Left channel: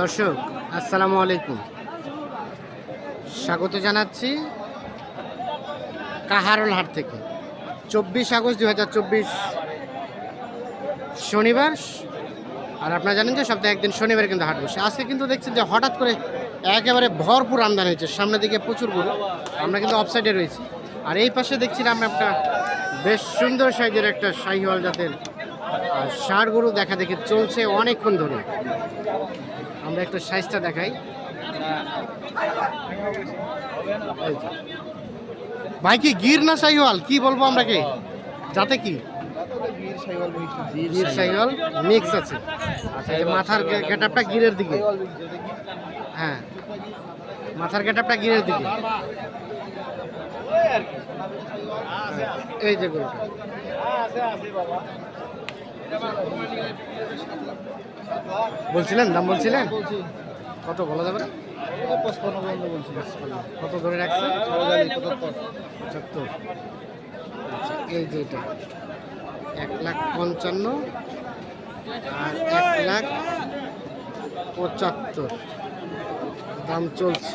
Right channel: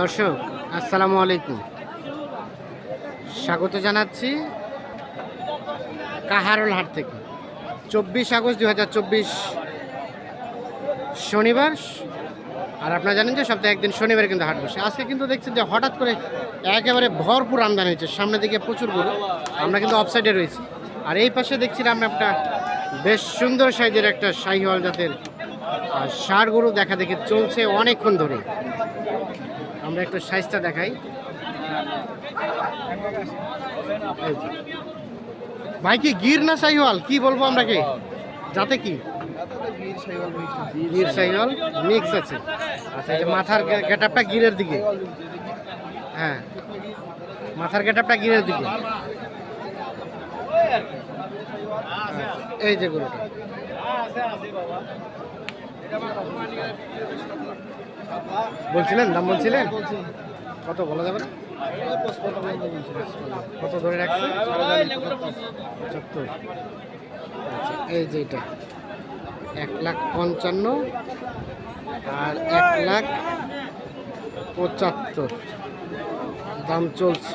দর্শক, আসসালামু আলাইকুম। স্বাগত জানাচ্ছি কাহারল হাট থেকে। চব্বিশ আগস্ট দু হাজার চব্বিশ শনিবার, আর আপনারা জানেন যে সপ্তাহে একদিন শনিবার কিন্তু হাট বসে। আজকে কিন্তু দেখছেন যে হঠাৎ করে একেবারে ভরপুর আমদানি হয়েছে। সামনের দিকে প্রচুর গরু, আমরা কিন্তু অফসাইডে রয়েছি। আর এই পাশে দেখছিলাম একটা বেশ সুন্দর সাইজের একটা শাহিওয়াল জাতের ষাড় গরু দেখা দেখে চলছে অনেকক্ষণ ধরে। আমরা একটু সাইজটা দেখাই। ভাই কি গির না শাহিওয়াল কি বলব আমরা কি যাতে কি? গির শাহিওয়াল মিক্স আছে। আচ্ছা এই মাথার গেটআপটা গিরের দিকে। হ্যাঁ। মাথার গেটআপটা গিরের দিকে। এই যে গরুটা। বলছিলেন? দাম বলছিলেন? কত বলা যাবে না? কত ধরে রাখছে? পঁচাত্তর। আচ্ছা এই যে এটা। এক লাখ পঞ্চান্ন আর এক লাখ পঁচাত্তর। দাম চলছে।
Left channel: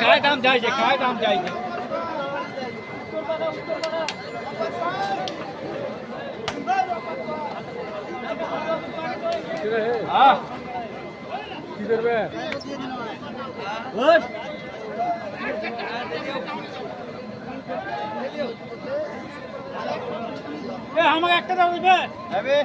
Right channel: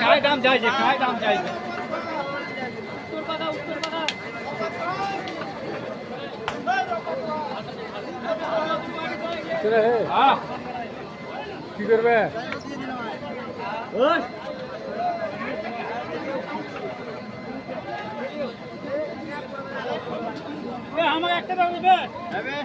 काय दाम जायचे काय दाम जायचे হ্যাঁ কি করবে আমাকে একটা দাম দেবে কে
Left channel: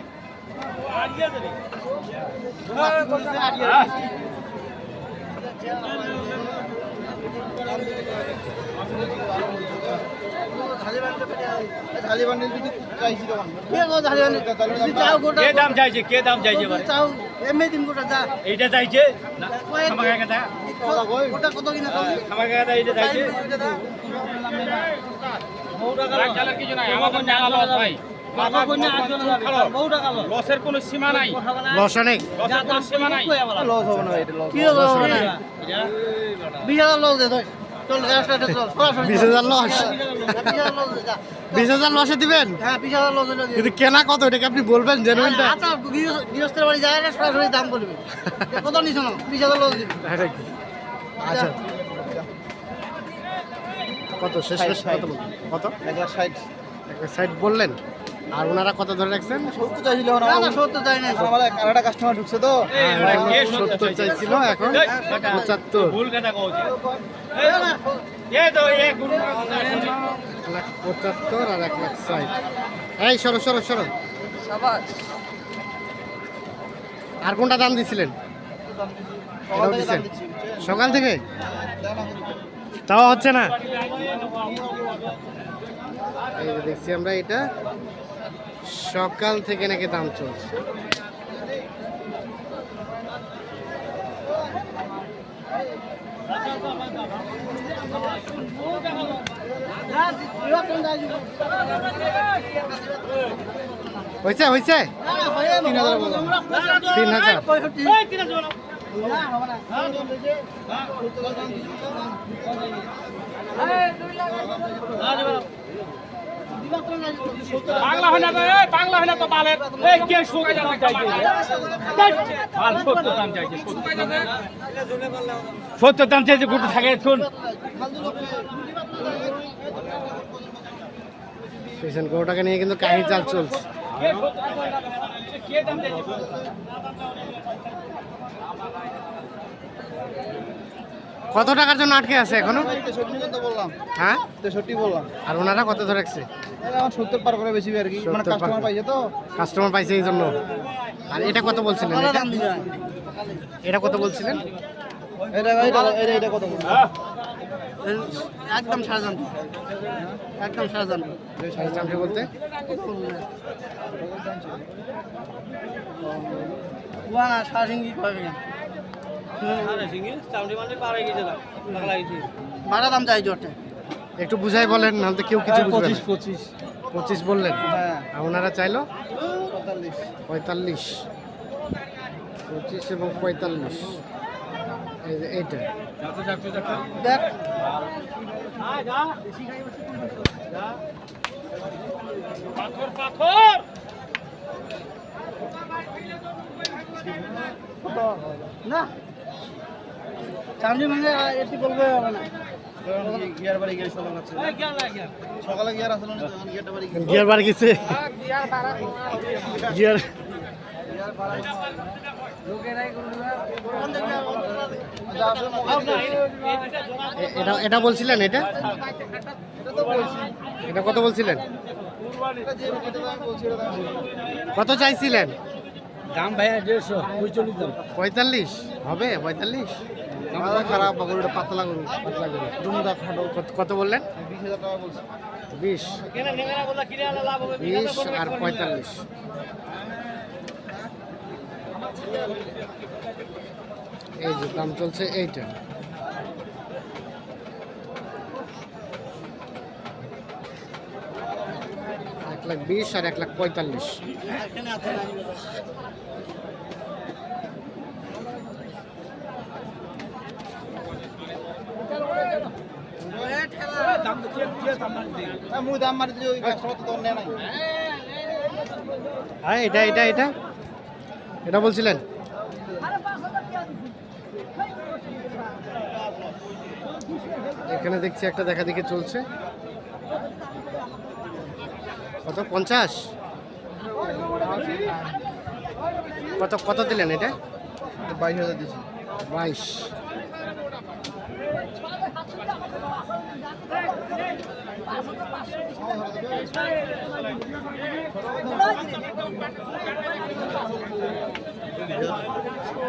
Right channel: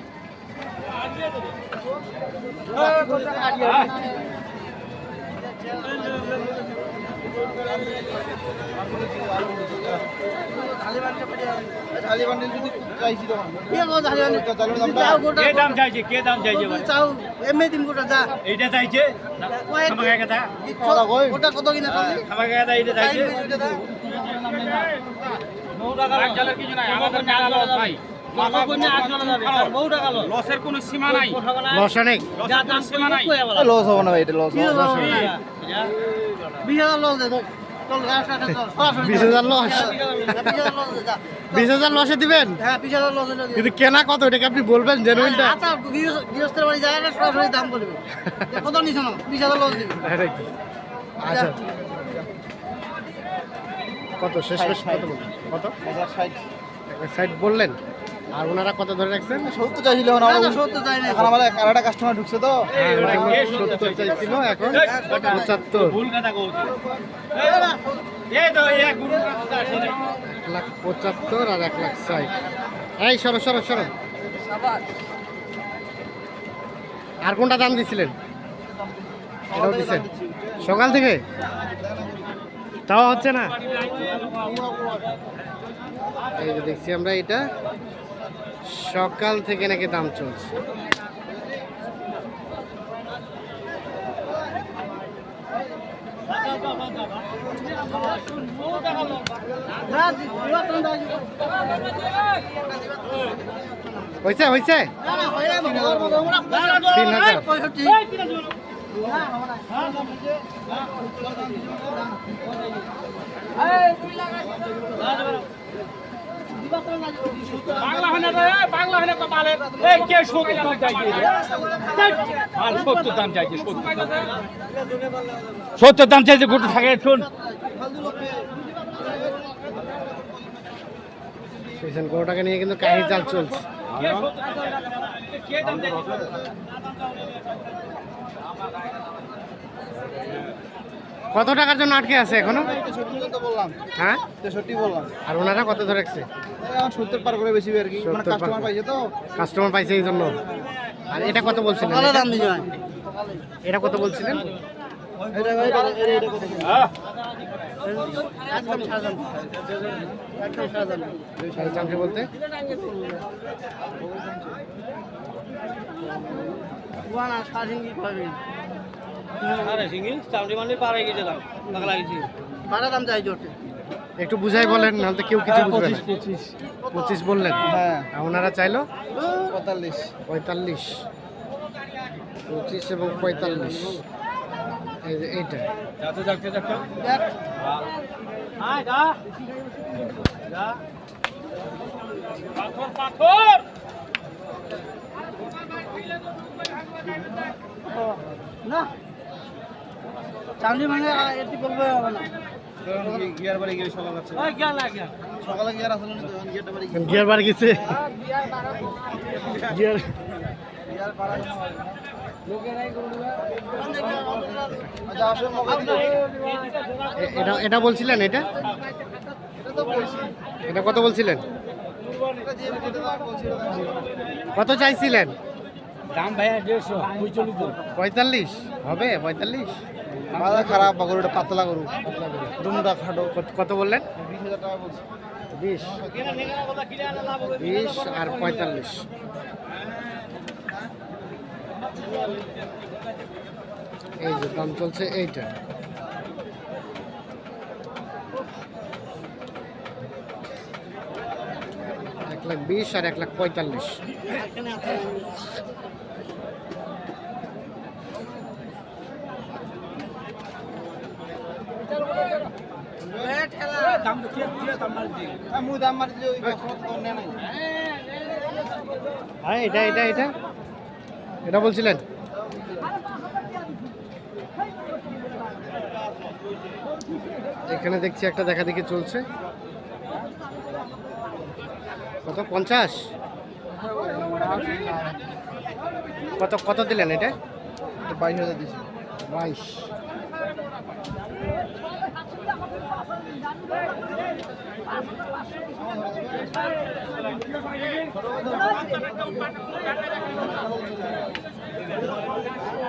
দাম চাইছে কে দাম চাইছে এইটা চাইছে একটা দা আমাকে একটা এইটা চাইছে লসের কোনো সীমা নাই। লস অনেক। লস হবে না এটা লস লস হবে না। বিশ হাজার লস বিশ হাজার লসে দিবেন? কিন্তু কেনা কত? এটাকে আপনি বলবেন জেনুইনটা আচ্ছা কত শেষ শেষ কত কত? এক লাখ ষাট। সাইড বললেন আর ওনারা কত ধরে রাখছেন সত্তর চাইছিল আমার আরেকটা কাস্টমার ঢুকছে তো হ্যাঁ সত্তর চাইছিল এখন পঁচাত্তর ভুল কথা কইছে এই তো এক এক লাখ পঁচাত্তর আর এক লাখ ষাট এই সরো সরো সরো আর কোনটা দাম দিছিলেন এটাও দিচ্ছেন সকাল থেকে তাও হচ্ছে না এই যে দেখছি আমরা এটা। সকাল থেকে নাকি দাম চলছে। হয়েছে হয়েছে তিন হাজার। বাংলা হয় না রে বাংলা হয় না তো বালে এই কে সত্তর দাম চাইছে? সত্তর দাম চাইছে সত্তর দাম চাইছে। গুটু থাকে শুন। পেছন গরুটাকে নিয়ে কিন্তু কাহি চাল চলছে। কে কত টাকার জন্য আটকে আছে এখনও? হ্যাঁ? আর ওনারা কত ধরে রাখছে? সত্তর পার করে। বেশি আর কি 70 পার কাস্টমার পাইছে তো কাস্টমার পাইছে এই জন্য। আর এটা কত বলছিলেন এটা? কত বলছিলেন? একদম সাড়ে চামচে বলতে ভাড়া দাম চাই জোটে একটু বুঝাই বলেন নাহলে তো কেউ কিছু বুঝবে না। পঁচিশ পঁচিশ। বললেন? হ্যাঁ। আর ওনারা চাইলো? পঁয়তাল্লিশ। পঁয়তাল্লিশ। পঁচিশ এবং পঁয়তাল্লিশ। এই যে এইটা। পাথর পাথর! না। চামড়ি ভাঙে এটি করবে হবে না। গিয়ার বাড়ি গিয়ে সকাল আছে। সকালে গিয়ার আসলে গিয়ারটা বাড়ি গিয়ার গেছে। এ- এটা এটা বলছিলেন এটা? এটা কত বলছিলেন? কত চাইছিলেন? দাম ভাইয়া দেড়শো পঁয়তাল্লিশ? হবে পঁয়তাল্লিশ? পঁয়তাল্লিশ খারাপ গরুটা পাতলা গরু পাতলা দুমদা খাটো। কত- কত বললেন? বিশ হাজার টাকা বলছি। বিশ। বিশ আর পঁয়তাল্লিশ। এই যে দাম চলছে এইটা। এক লাখ বিশ আর এক লাখ পঁয়তাল্লিশ মু দাম মারি দিলে ওই ব্যবসা তো নেয় নাই হ্যাঁ এটা এটা এটা? এটা বলছিলেন? এখানে দেখছি একটা দেখা দেখি চলছে। কত? পঞ্চাশ? কত কত দিলেন এটা? বাইশ হাজার দিছি। বাইশ।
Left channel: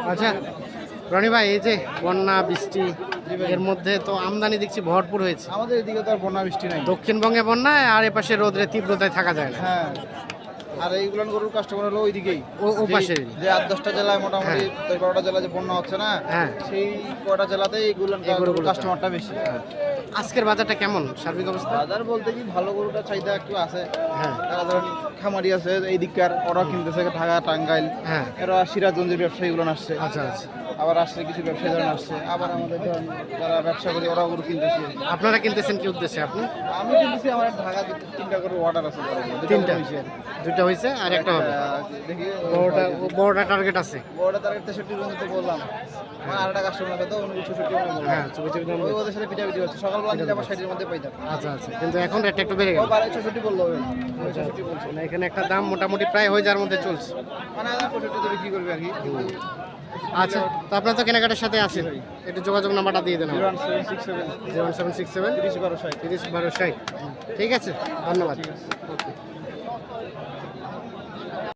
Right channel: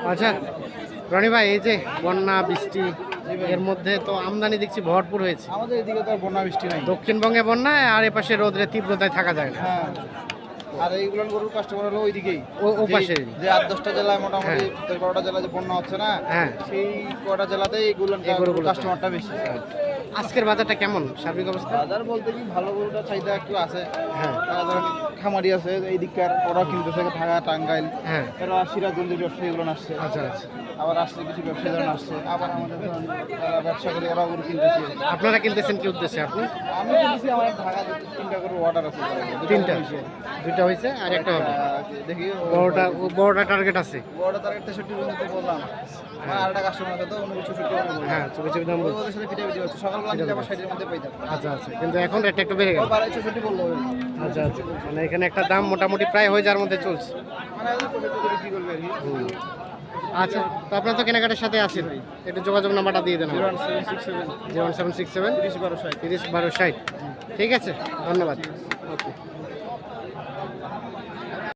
আচ্ছা রনি ভাই এই যে বন্যা বৃষ্টি এর মধ্যে তো আমদানি দেখছি ভরপুর হয়েছে। আমাদের এদিকে তো বন্যা বৃষ্টি নাই। দক্ষিণবঙ্গে বন্যায় আর এপাশে রোদ্রে তীব্রতায় থাকা যায় না। হ্যাঁ। আর এইগুলো গরুর কাস্টমার হলো ওইদিকেই। ও- ও যে- যে আট দশটা জেলায় মোটামুটি হ্যাঁ। দশ বারোটা জেলায় যে বন্যা হচ্ছে না হ্যাঁ। সেই কটা জেলাতেই এইগুলো কাস্টমারটা বেশি। আজকের বাজারটা কেমন? সার্বিক অবস্থা? বাজার বলতে কি ভালো গরুটা চাহিদা একটু আছে। হ্যাঁ। তারা ধরেন খামারি আছে এই দিককার ওরা কিনতেছে ঢাকা টাঙ্গাইল। হ্যাঁ। এরা সিরাজগঞ্জের ব্যবসায়ীগুলো আসছে আচ্ছা আচ্ছা। আবার আসছে কিছু ব্যবসায়ীরা আসছে আবার আমাদের ধরেন যারা ব্যবসা করি ওরা গরু কিনতেছে। আপনারা কিনতেছেন কি উদ্দেশ্যে আপনি? আমি কিনতেছি আমার ঢাকা তিনটা করে অর্ডার আছে। তিনটা। দুইটা হয়েছে আর একটা হবে? দেখি বড়টা বড়টা টার্গেট আছে? বড়টা তার তেষট্টি পর্যন্ত বললাম। আমার আরেকটা কাস্টমার আছে তো উনি চৌষট্টি হ্যাঁ চুপি দাম ওদের সাথে পিঠি হচ্ছে সকালবেলা নিলে আবার ষাটের মধ্যে পাইতাম আচ্ছা আচ্ছা কিন্তু এখন রেটটা একটু বেড়ে গেল। বাড়াই চৌষট্টি বলল। আচ্ছা আচ্ছা মানে এখানে একটা দাম মোটামুটি প্রায় হয়ে যার মধ্যে চলছে। মানে চৌষট্টি করবে আর কি? আচ্ছা তো আপনার তো কেনাকাটার সাথে আছেন। একটু যোগাযোগ নাম্বারটা দিয়ে দেন zero one seven six seven. বারো ষাট। তিরিশ বারো ষাট। ঠিক আছে ধন্যবাদ। ওকে